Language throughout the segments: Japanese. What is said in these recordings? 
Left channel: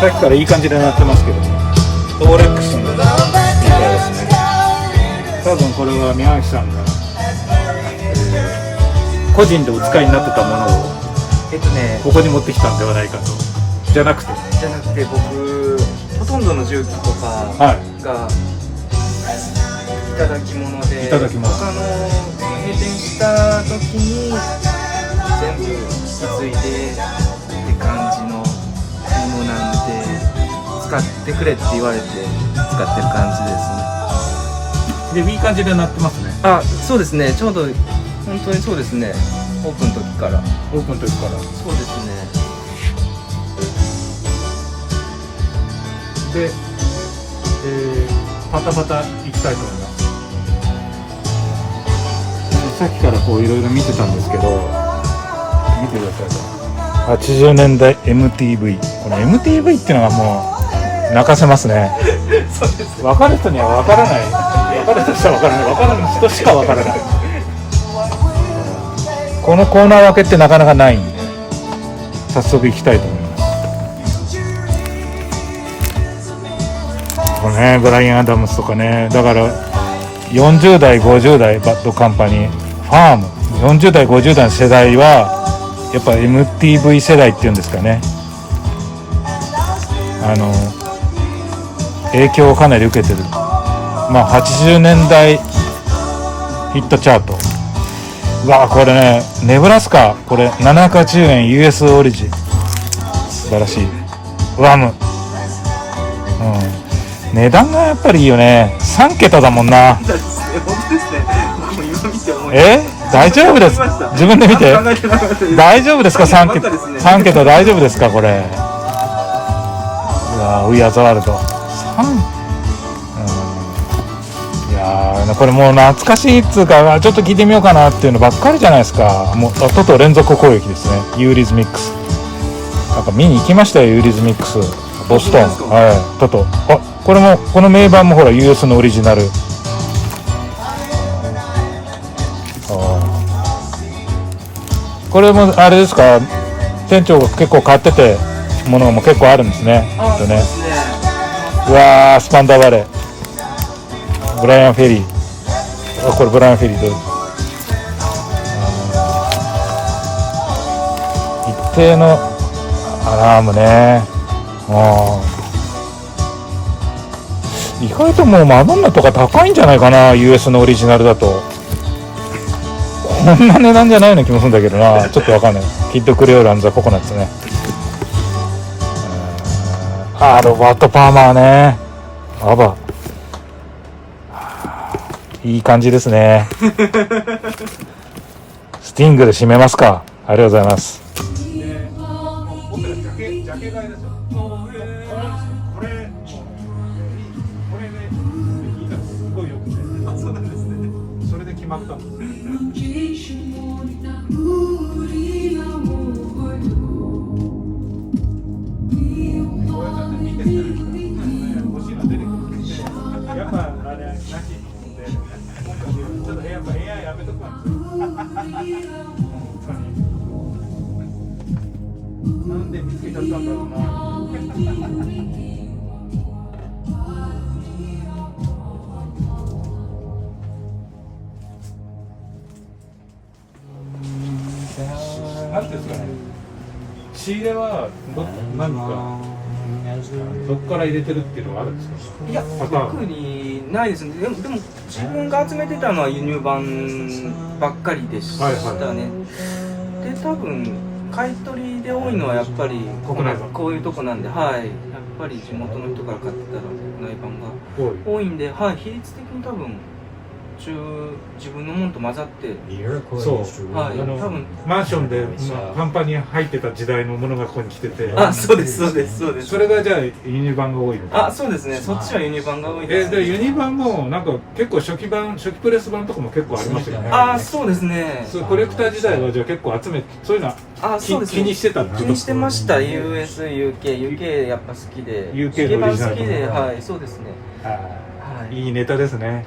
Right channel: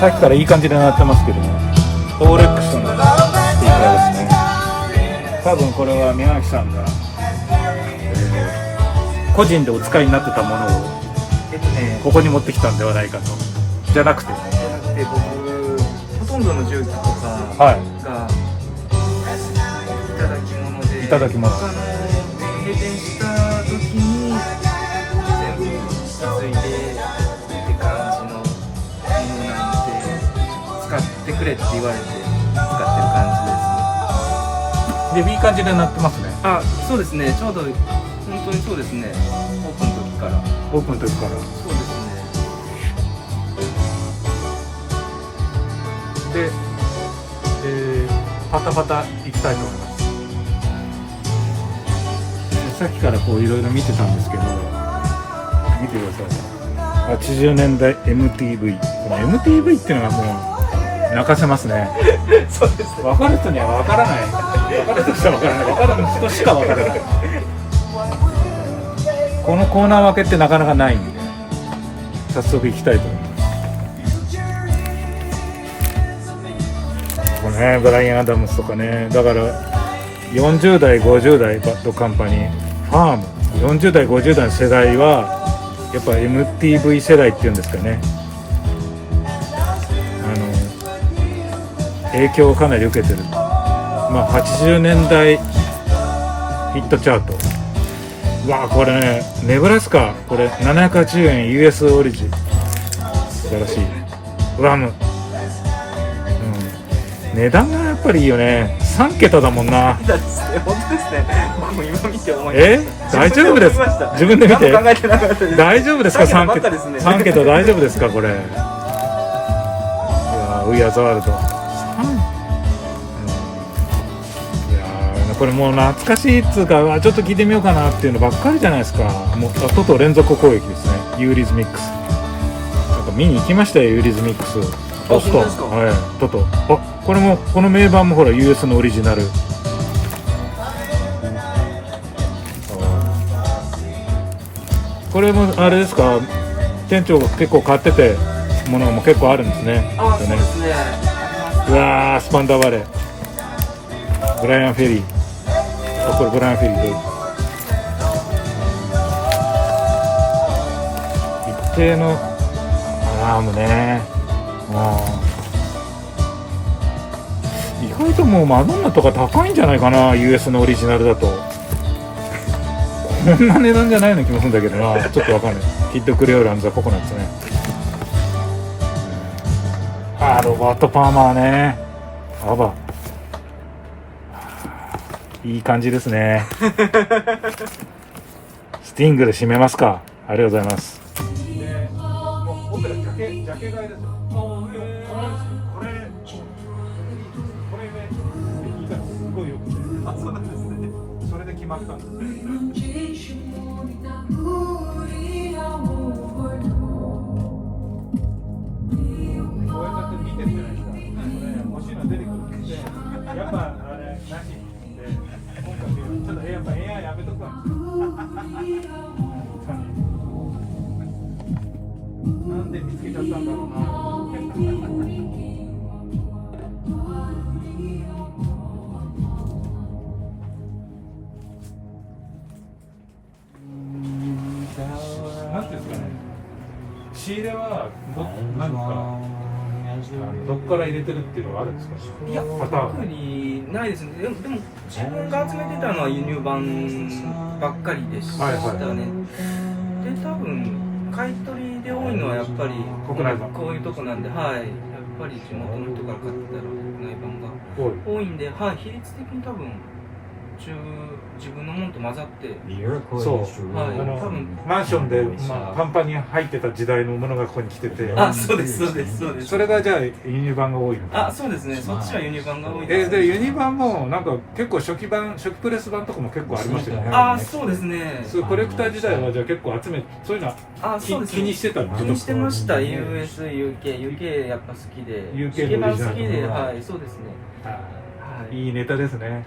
さっきからいい感じで鳴ってますけども、オーレックスのスピーカーですね。多分これは宮脇さんが、個人でお使いになってたものをここに持ってきたんではないかと。じゃなくて僕ほとんどの重機とかがいただき物で、いただき物、他の閉店した時に全部引き継いでって感じのものなんで、使ってくれって言われて使ってる感じですね。でいい感じで鳴ってますね。あ、そうですね。ちょうど本当にそうですね。オープンの時から。オープンの時から。そうですね。で、パタパタいきたいと思います。さっきからこういろいろ見てたんですけど、見てください。80年代 MTV。この MTV っていうのがもう泣かせますね。そうです。分かる人には分からない。分かる人は分からない。分かる人しか分からない。このコーナー分けってなかなかないんで、早速いきたいと思います。このね、ブライアン・アダムスとかね、だから40代50代バッドカンパニー、ファーム、40代50代の世代はやっぱ MTV 世代っていうんですかね、影響をかなり受けてる。まあ80年代ヒットチャート、うわこれね、ネブラスカ、これ780円 US オリジ、素晴らしい。ワム、値段がやっぱりいいよね。3桁だもんな。大丈夫です。自分で見て。大丈夫ですか、3桁。3桁大丈夫ですか、これ。いやウィアザワールド。いやこれもう懐かしいっつうか、ちょっと聞いてみようかなっていうのばっかりじゃないですか。もうトト連続攻撃ですね。ユーリズミックス。なんか見に行きましたよ、ユーリズミックス。ボストン、トト。あ、これもこの名盤もほら US のオリジナル。これもあれですか、店長が結構買っててものも結構あるんですね。ね、うわー、スパンダーバレー、ブライアン・フェリー。あ、これブライアン・フェリーどうぞ。一定のアラームね。意外ともうマドンナとか高いんじゃないかな、 US のオリジナルだと。こんな値段じゃないような気もするんだけどな、ちょっとわかんない。キッドクレオール&ザ・ココナッツね。ロバート・パーマーね。アバ、いい感じですね。スティングで締めますか。ありがとうございます。僕らジャケ買いですよ。これね、聞いたらすごいよくて。あ、そうなんですね。それで決まったんです。こうやって見てるじゃないですか。欲しいの出てくるんで、やっぱあれなしで、今回ちょっとやっぱ AI やめとくわ。なんで見つけちゃったんだろうな。なんていうんですかね、仕入れは何かどっから入れてるっていうのがあるんですか。いや、特にないですね。でも自分が集めてたのは輸入版ばっかりでしたね。で、多分買い取りで多いのはやっぱり国内版、こういうとこなんで、はい、やっぱり地元の人から買ってたら国内版が多いんで、はい、比率的に多分自分のものと混ざって、そう、はい、多分マンションで、パンパンに入ってた時代のものがここに来てて、あ、そうですそうですそうです。それがじゃあ輸入版が多いのか。あ、そうですね。そっちは輸入版が多いです。でユニ版もなんか結構初期プレス版とかも結構ありましたよね。あ、そうですね。そう、コレクター時代はじゃあ結構集め、そういうのは気にしてたんですか。気にしてました。US、UK やっぱ好きで、 UK のオリジナル好きで、はい、そうですね。いいネタですね。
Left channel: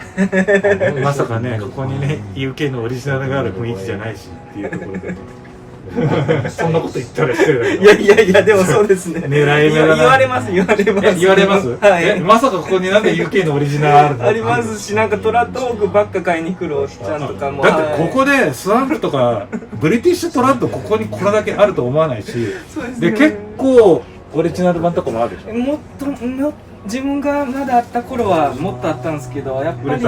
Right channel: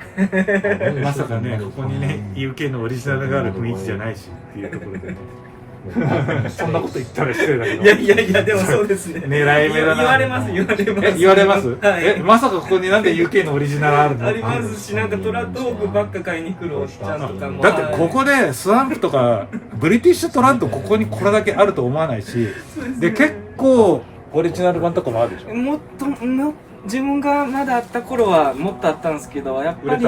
まさかね、ここにね UK のオリジナルがある雰囲気じゃないしっていうところでね。そんなこと言ったら失礼だけど。いやいやいや、でもそうですね。狙い目だな。言われます。言われます。はい。はい。まさかここになんで UK のオリジナルあるの？ありますし、なんかトラッドホークばっか買いに来るおっちゃんとかも。だってここでスワンプとかブリティッシュトラッドここにこれだけあると思わないし、そうですね。で結構オリジナル版とかもあるでしょ。もっと自分がまだあった頃はもっとあったんですけど、やっぱり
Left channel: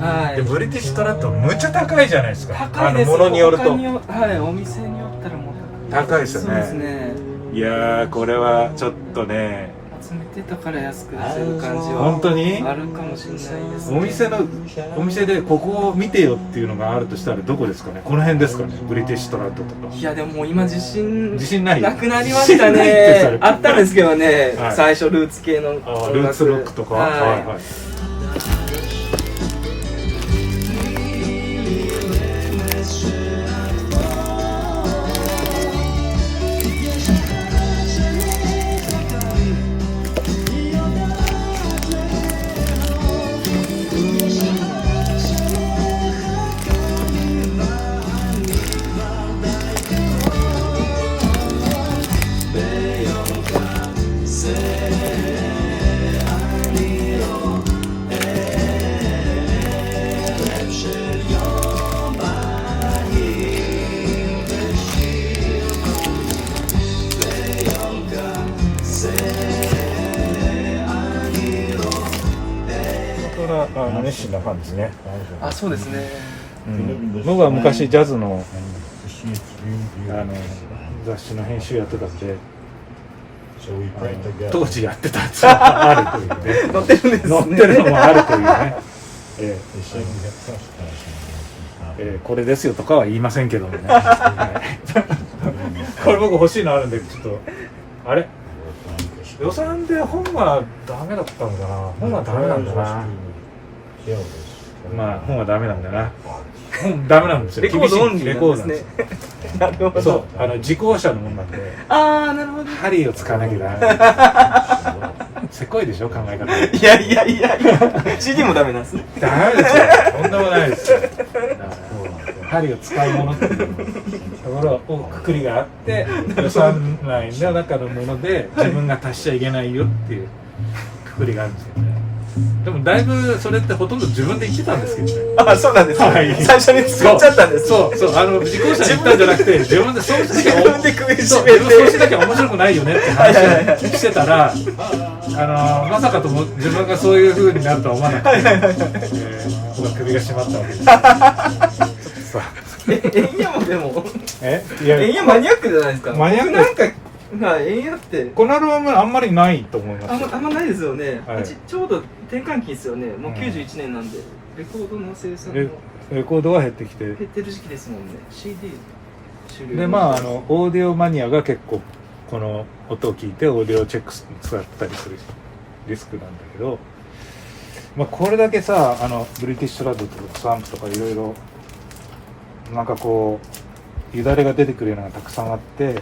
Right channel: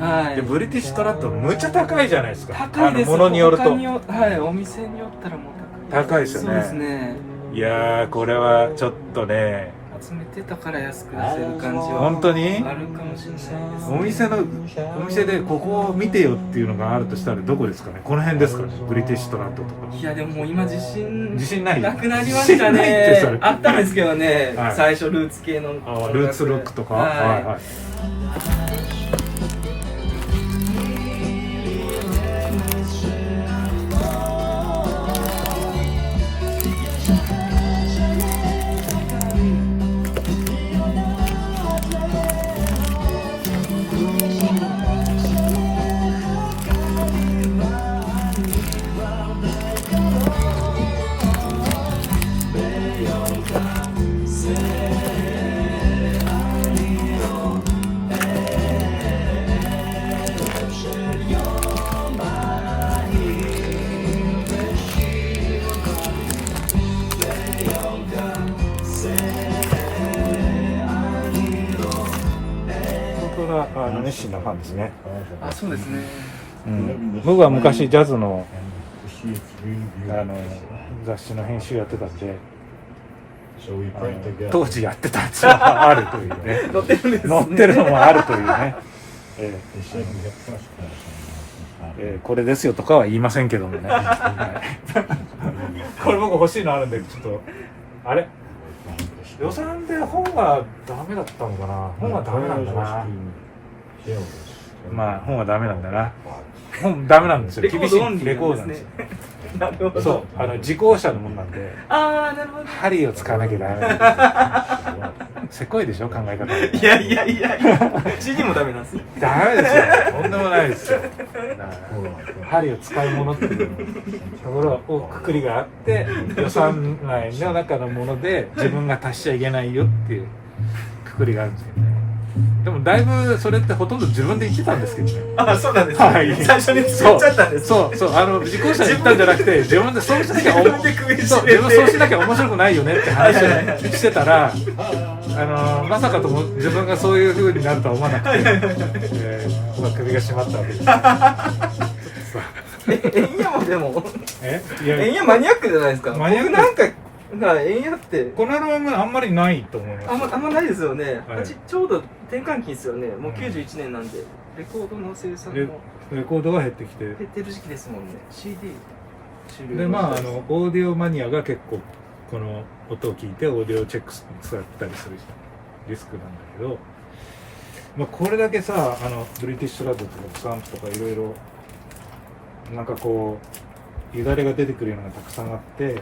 はい。でブリティッシュトラッドむちゃ高いじゃないですか。高いです。ものによるとはい、お店によったらもう高いですよね。そうですね。いやーこれはちょっとね。集めてたから安く出せる感じは本当にあるかもしれないです、ね。お店でここを見てよっていうのがあるとしたらどこですかね。この辺ですかね。ブリティッシュトラッドとか。いやでももう今自信ないなくなりましたね。あったんですけどね、はい、最初ルーツ系のルーツロックとか、はいはいはい。熱心なファンですね。あ、そうですね。うん、僕は昔ジャズの雑誌の編集やってたんで、当時やってたやつはあるというね。載ってるんですね。載ってるのもあるというね。これですよとかは言いませんけどもね。はい、これ僕欲しいのあるんでちょっとあれ予算で本はダメだったのかな。本はダメなんだな。まあ本はダメなんだな。本ダメなんですよ。厳しいレコードなんですよ。なるほど。そう、自公車のもんなんで。ああ、なるほど。針を使わなきゃダメ。せこいでしょ考え方。いやいやいやいや。CD もダメなんです。ダメですよ。とんでもないですよ。針を使うものっていうところをくくりがあって、予算内の中のもので自分が足しちゃいけないよっていうくくりがあるんですよね。でもだいぶそれってほとんど自分で言ってたんですけどね。あ、そうなんですね。はい、最初に作っちゃったんです。そう自己車に言ったんじゃなくて自分でそうしなきゃそうしなきゃ面白くないよねって話をしてたら、まさかとも自分がそういう風になるとは思わなくて、首が締まったわけです。エンヤもでもエンヤマニアックじゃないですか。マニアックなんかエンヤってこのアルバムあんまりないと思います。あんまないですよね。はい、ちょうど転換期ですよね。もう91年なんで、レコードの生産のレコードは減ってきて減ってる時期ですもんね。CD 終了でまあオーディオマニアが結構この音を聞いてオーディオチェック使ったりするリスクなんだけど、まあ、これだけさブリティッシュラッドとかスワンプとかいろいろなんかこうよだれが出てくるようなのがたくさんあって、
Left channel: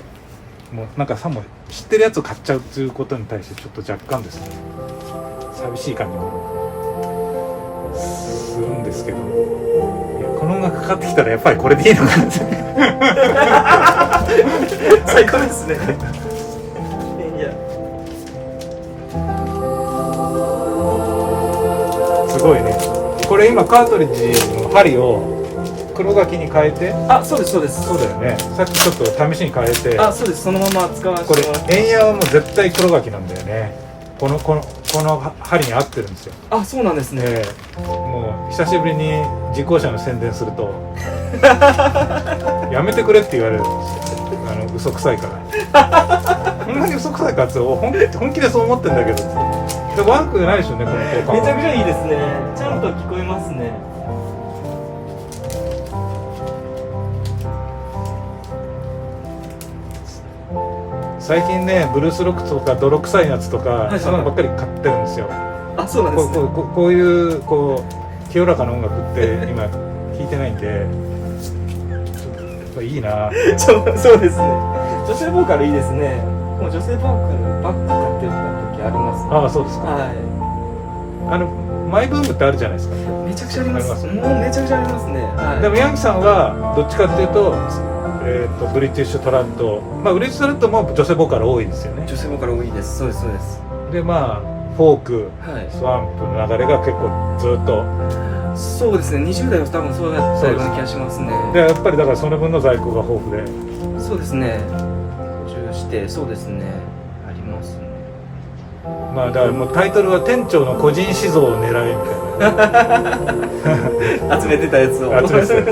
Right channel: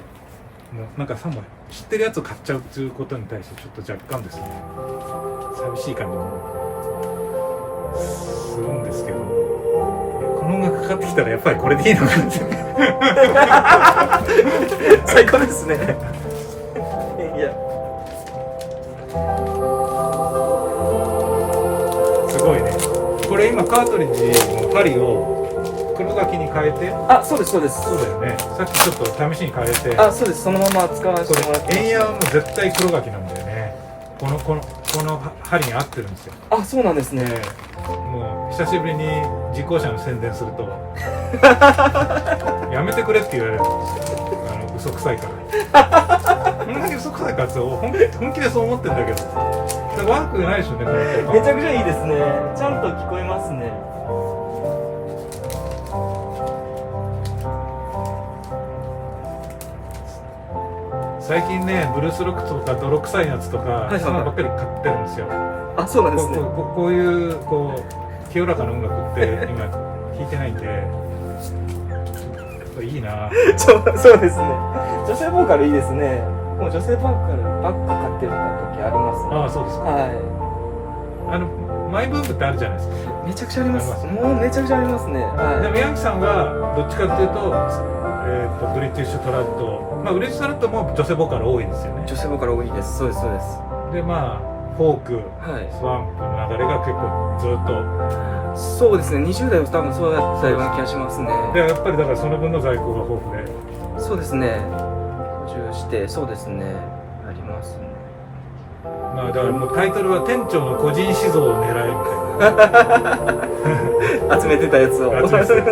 もうなんかさも知ってるやつを買っちゃうっていうことに対してちょっと若干ですね寂しい感じもするんですけど、この音楽かかってきたらやっぱりこれでいいのかって最高ですね。いやすごいね。これ今カートリッジの針を黒書きに変えて、あ、そうですそうです。そうだよね。さっきちょっと試しに変えて、あ、そうです。そのまま使わせこれてもらって。エンヤはもう絶対黒書きなんだよね。この針に合ってるんですよ。あ、そうなんですね。もう久しぶりに自公車の宣伝するとやめてくれって言われるんですよ。嘘くさいからこんなに嘘くさいかつを本気でそう思ってんだけど、悪くないでしょうね、この効果。めちゃくちゃいいですね。ちゃんと聞こえますね。最近ねブルースロックとか泥臭いやつとか、そういうのばっかり買ってるんですよ。あ、そうなんですね。こういう清らかな音楽って今弾いてないんでいいな。そうですね。女性ボーカルいいですね。もう女性ボーカルばっか買ってる時ありますね。ああ、そうですか。はい。マイブームってあるじゃないですか。めちゃくちゃあります。もうめちゃくちゃありますね。はい。でもヤンキさんはどっちかっていうとブリティッシュトラッド、まあ、ブリティッシュトラッドも女性ボーカル多いですよね。女性ボーカル多いです。そうですそうです。でまあフォーク、はいスワンプの流れが結構ずっとそうですね、20代は多分そうだったような気がしますね。でやっぱりだからその分の在庫が豊富で、そうですね、補充してそうですね、ありますね。まあだからもうタイトルは店長の個人思想を狙えみたいな集めてたやつを集めてたやつ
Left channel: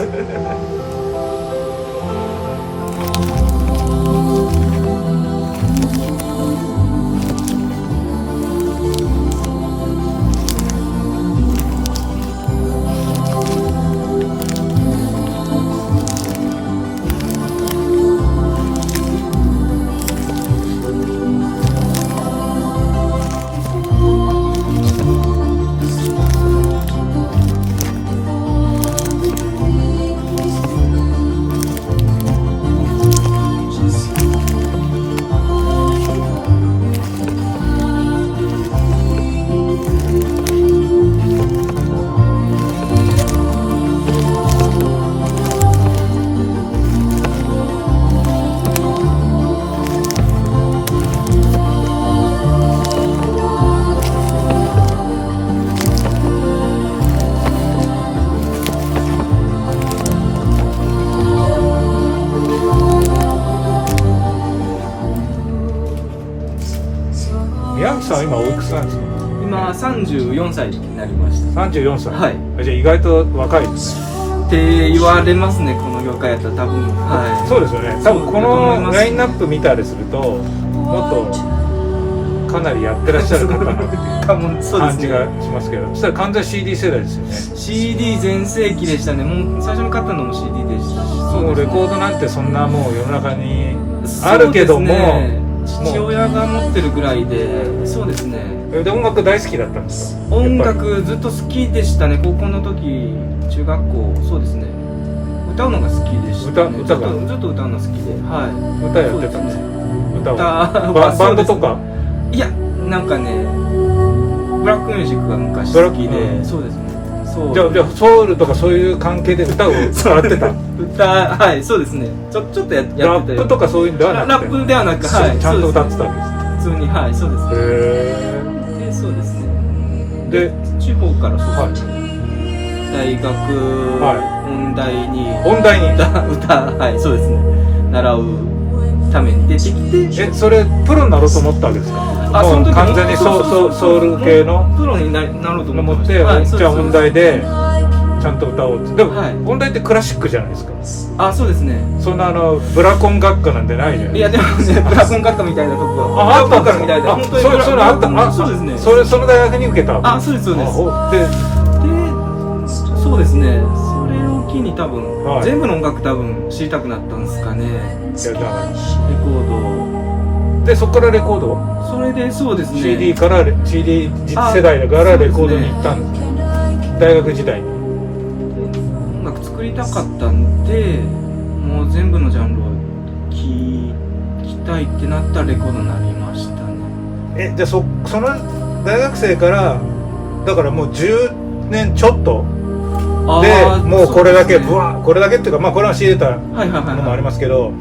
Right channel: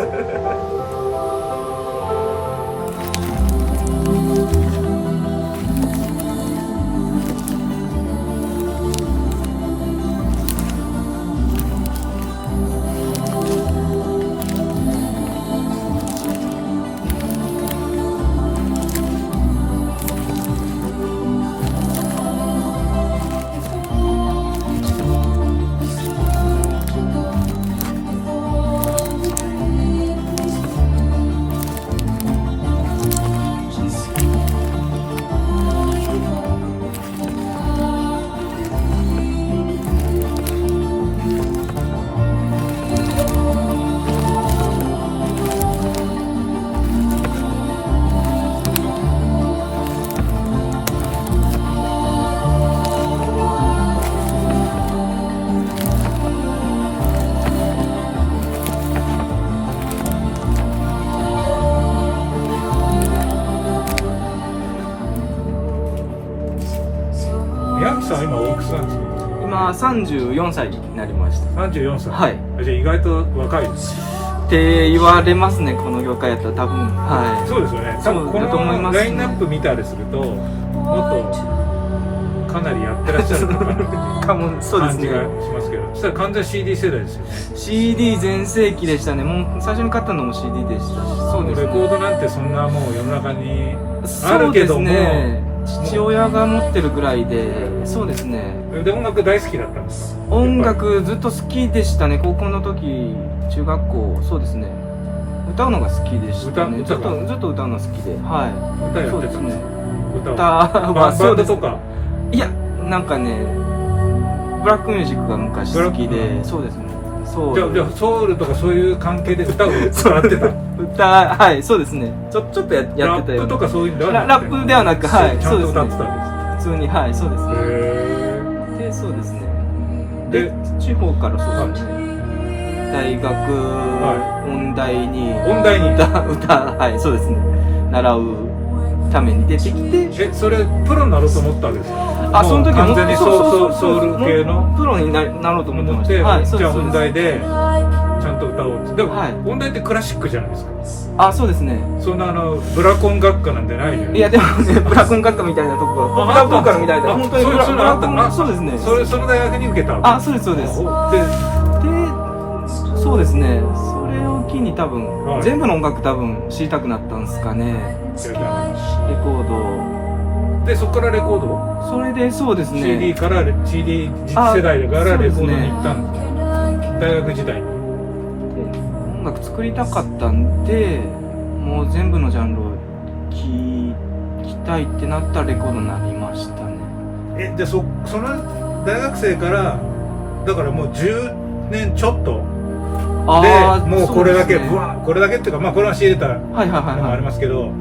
ヤンクさんは今おいくつなんですか？今34歳になりました。34歳。はい。じゃあ意外と若いですね。って言われますね、この業界やったら多分。はい。そうですよね。多分このラインナップ見たりするともっとかなりやってらっしゃるのかなかもそうですね。感じがしますけど、そしたら完全 CD 世代ですよね。 CD 全盛期でしたね。もう最初に買ったのも CD でしたし、そうレコードなんてそんなもう世の中にあるけども、そうですね、父親が持ってるぐらいで、そうですね。で音楽大好きだったんですか？音楽ずっと好きでしたね。高校の時、中学校、そうですね。歌うのが好きでしたね。ずっと歌うの好きで、はい。歌やってたんですか？歌はバンドとか？いや、なんかね、ブラックミュージックが昔好きで、そうですね。そう。じゃあソウルとかそういう関係で歌を歌ってた？はい、そうですね。ちょっとやってて。ラップとかそういうんではなくて？ラップではなく、はい、ちゃんと歌ってたんです。普通に、はい、そうですね。で、そうですね。で、地方からそうですね。大学、音大に歌、はい、そうですね。習うために出てきて。それプロになろうと思ったんですか？あ、その時完全にソウル系のプロになろうと思って、じゃあ音大でちゃんと歌おうって。でも音大ってクラシックじゃないですか。あ、そうですね。そんなブラコン学科なんてないじゃん。いやでもね、ブラコン学科みたいなとこが、ブラボーカルみたいな、本当にそれあった。そうですね。その大学に受けた。あ、そうですそうです。で、そうですね。それを機に多分全部の音楽多分知りたくなったんですかね。レコード。でそこからレコード？それでそうですね。CD から CD 世代だからレコードに行ったんですよ。大学時代に。音楽作りたかったんで、もう全部のジャンルを聴きたいってなったらレコードになりましたね。じゃあその大学生からだからもう10年ちょっとでもうこれだけこれだけっていうか、まあこれは仕入れたのもありますけど、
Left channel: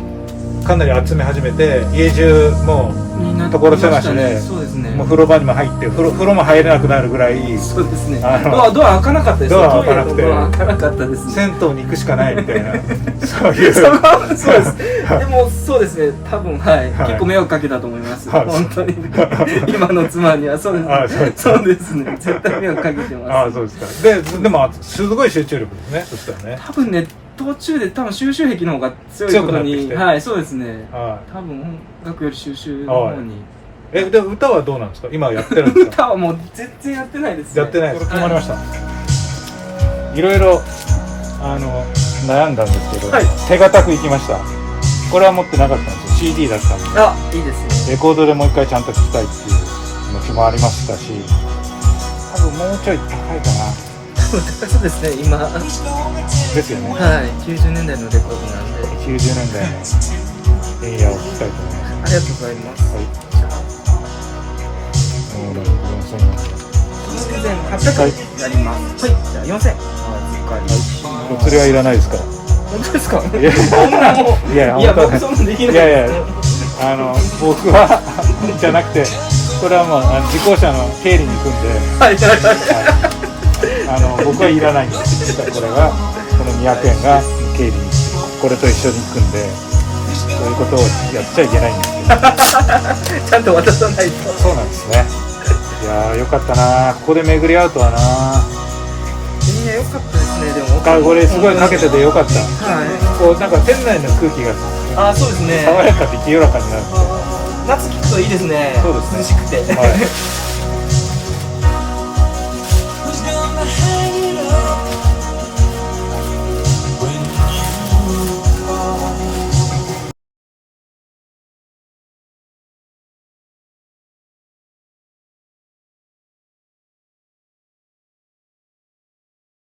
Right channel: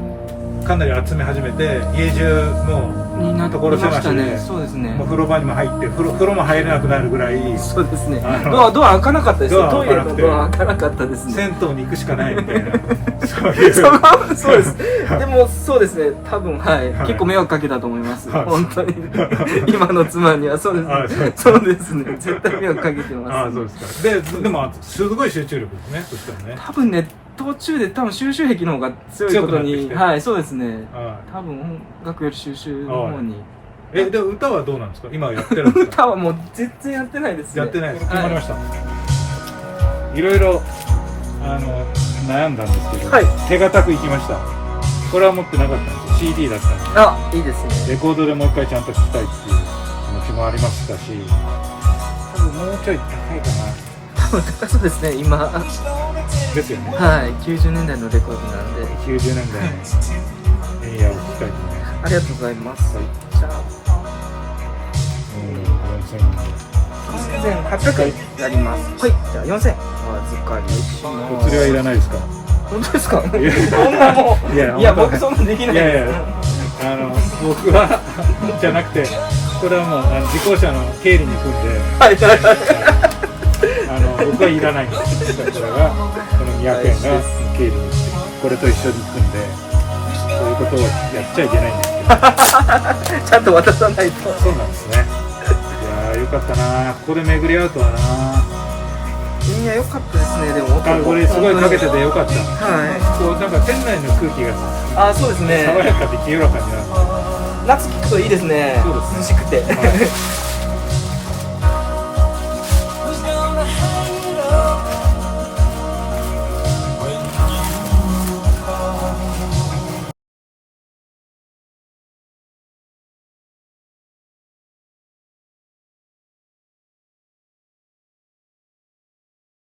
かなり集め始めて家中もう所狭しで、そうですね。もう風呂場にも入って風呂も入れなくなるぐらい。そうですね。ドア開かなかったですよ。トイレのドア開かなかったですね。銭湯に行くしかないみたいな。そういう。そうです。でもそうですね。多分はい。結構迷惑かけたと思います。本当に。今の妻にはそうですね。そうですね。絶対迷惑かけてます。ああ、そうですか。でもすごい集中力ですね。そしたらね。多分ね。途中で多分収集癖の方が強いことに、はい、そうですね。多分音楽より収集の方に。で歌はどうなんですか？今やってるんですか？歌はもう全然やってないですね。やってないです。決まりました。いろいろ悩んだんですけど、手堅くいきました。これは持ってなかったんですよ。CD だったんで。あ、いいですね。レコードでもう一回ちゃんと聴きたいっていう気持ちもありましたし、多分もうちょい高いかな。そうですね、今ですよね。はい、90年代のレコードなんで90年代のエリアを聴きたいと思います。ありがとうございます。じゃあ4000円3800円になります。はい、じゃあ4000円お預かりします。お釣りはいらないですか？本当ですか？いやそんなもう、いやいや、本当僕そんなできないいやいやです。僕はじゃなくて、これはもう自行車の経理に組んで、はいはいはい。僕はいらないんです。これがこの200円が経理にこれと一緒に組んで、そういうことをやっちゃいけないんですよ。ちゃんと渡さないと。そうなんですね。いやーよかったな、ここで巡り合うとはな。よかったですね、でも。これすごいかけててよかった。はこうなんか店内の空気がい。あ、そうですね。爽やかで清らかになる。夏聞くといいですね。そうですね涼しくて。はい